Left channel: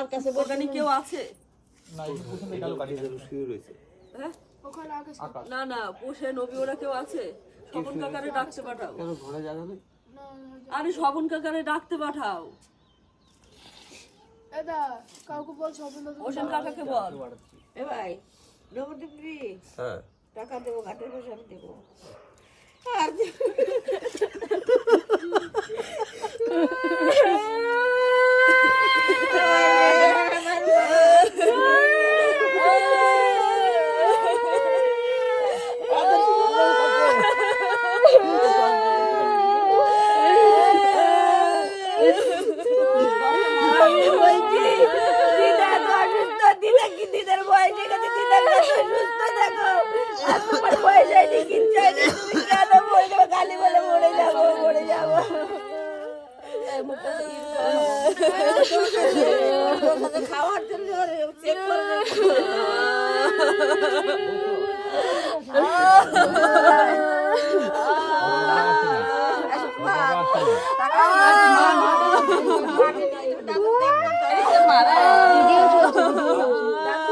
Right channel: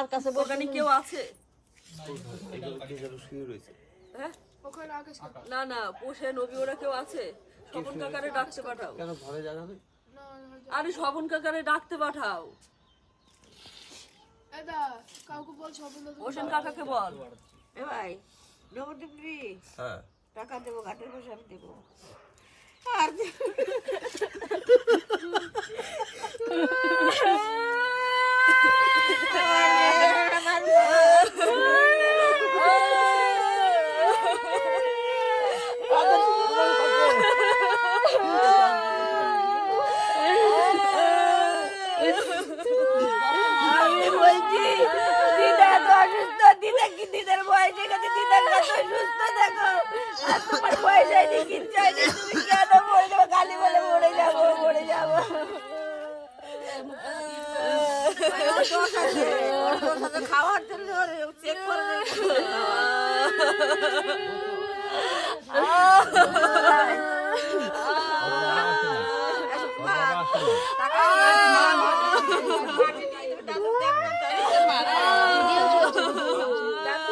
মার কাছে ওখানে কেউ আছে? হ্যাঁ না না পোষে নবী ওরা কেউ আছে? স্বপন কাকারে ডাকতে পাঠাও। কেন ঘরে জায়গা নেই? আরে স্বপন কাকারে ডাকতে পাঠাও। কাউকে বল স্বপন হোসেন কাকাকে বল। এ ভাই নবদ্বীপ রে হ্যাঁ টাকা দেবো ঘাটের পয়সা আমি দেবো আর দিদার বয়সে গেছে দিদার কাছে সুস্থ দেখো আর তোমার বয়স হয়নি কিচ্ছু হয়নি তুমি কেন বলবো খালি বলে মরে যাবো খাওয়ার জন্য চেক করে টাকা